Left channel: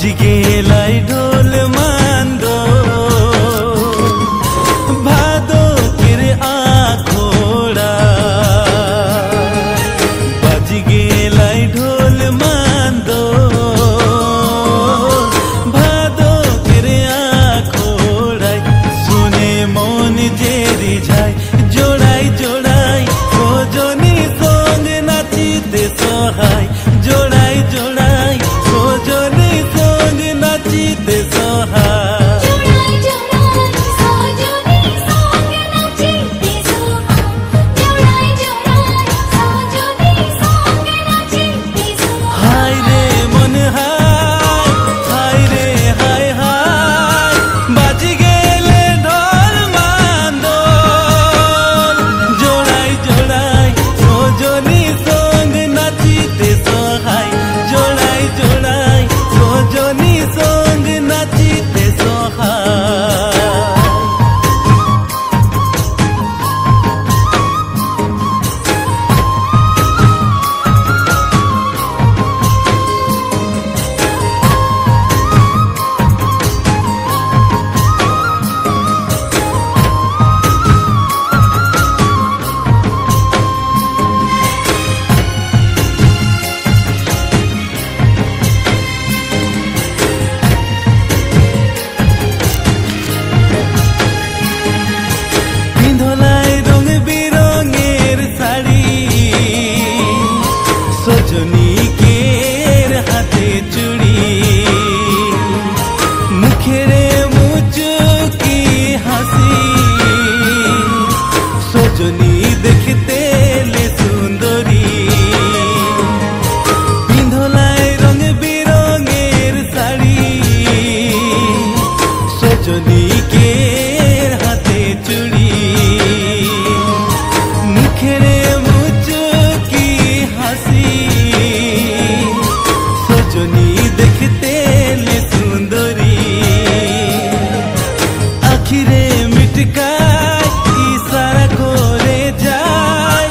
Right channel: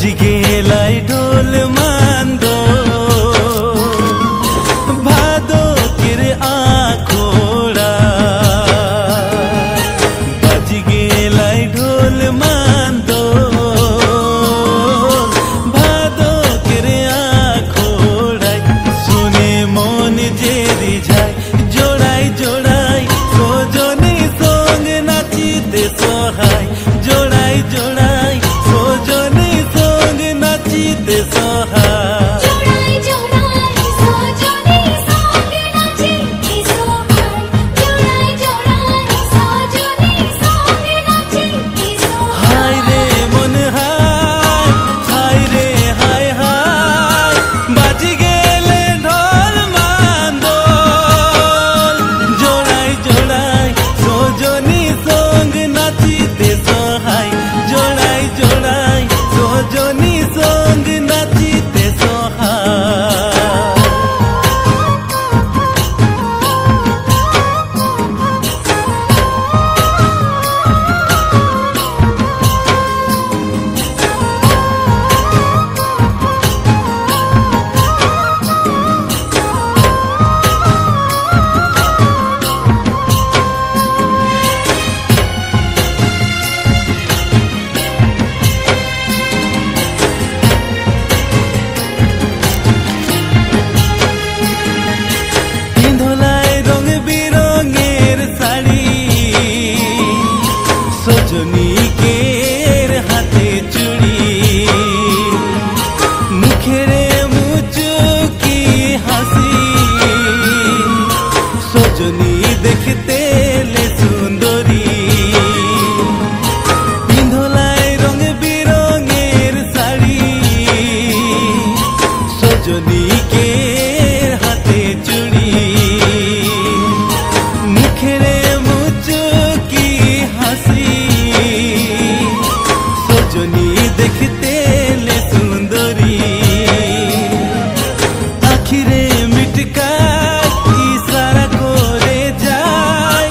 বাজি গেলাই ঢোল মান্দো ভাদকের আখোড়া বাজি গেলাই ঢোল মান্দো ভাদকের আখোড়ায় শুনে মন যে রিঝায় জোড়াই জোড়াই সজনী সঙ্গ নাচিতে সহায় জোড়াই জোড়াই সজনী সঙ্গ নাচিতে সহায় হায় রে মন হায় হায় রে হায় হায় বাজি গেলে ঢোল মান্দোল জোড়াই জোড়াই সজনী সঙ্গ নাচিতে সহায় জোড়াই জোড়াই সজনী সঙ্গ নাচিতে সহায় ধলাই রং বিরঙের শাড়ি সজনীকের হাতে চুড়ি মুখেরে মুচুকি হাসি সজনী দেখতে লে সুন্দরী পিন্ধলাই রং বিরঙের শাড়ি সজনীকের হাতে চুড়ি মুখেরে মুচুকি হাসি সজনী দেখতে লে সুন্দরী আখিরে মিটকায় ইশারা করে যায়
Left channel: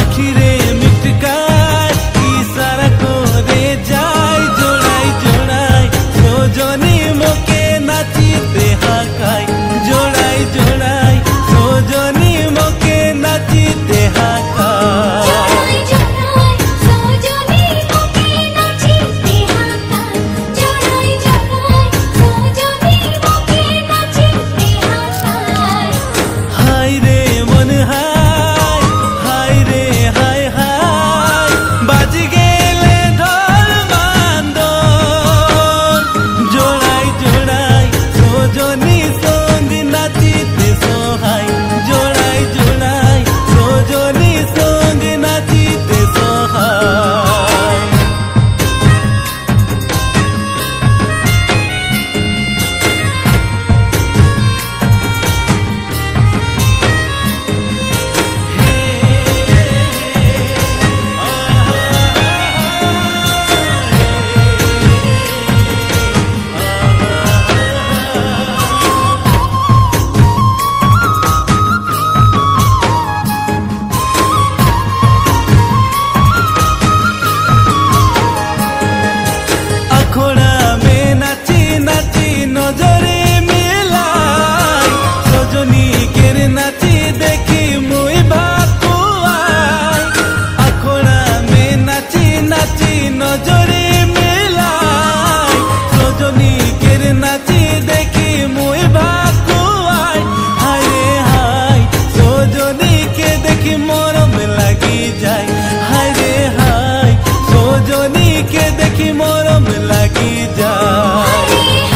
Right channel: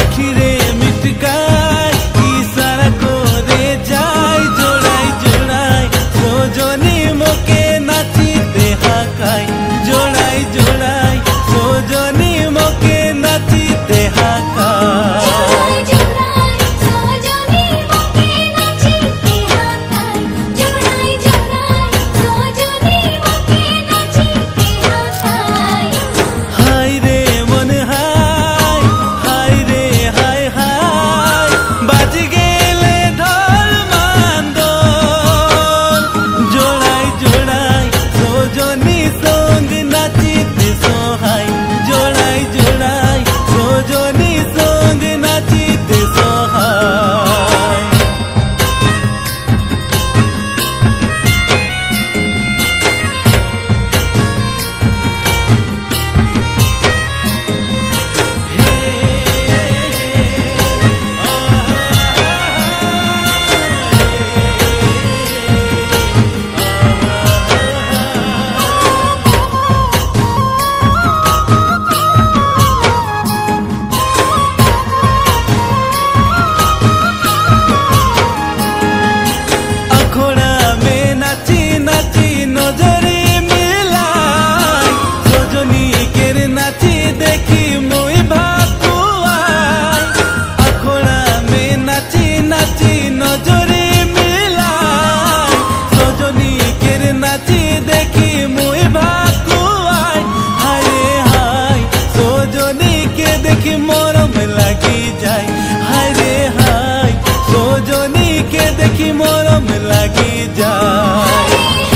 আখিরে মিটকায় ইশারা করে যায় জোড়াই জোড়াই সজনী মোকে নাচিতে হাকায় জোড়াই জোড়াই সজনী মোকে নাচিতে হাকায় হায় রে মন হায় হায় রে হায় হায় বাজি গেলে ঢোল মান্দোল জোড়াই জোড়াই সজনী সঙ্গ নাচিতে সহায় জোড়াই জোড়াই সজনী সঙ্গ নাচিতে সহায় अखोड़ा में नाची नाची नजरे मिलाई सजनी केर नाची देखी मुई भाकुआई अखोड़ा में नाची नाची नजरे मिलाई सजनी केर नाची देखी मुई भाकुआई हाय रे हाय सजनी के देखी मरम लगी जाए हाय रे हाय सजनी के देखी मरम लगी जाए।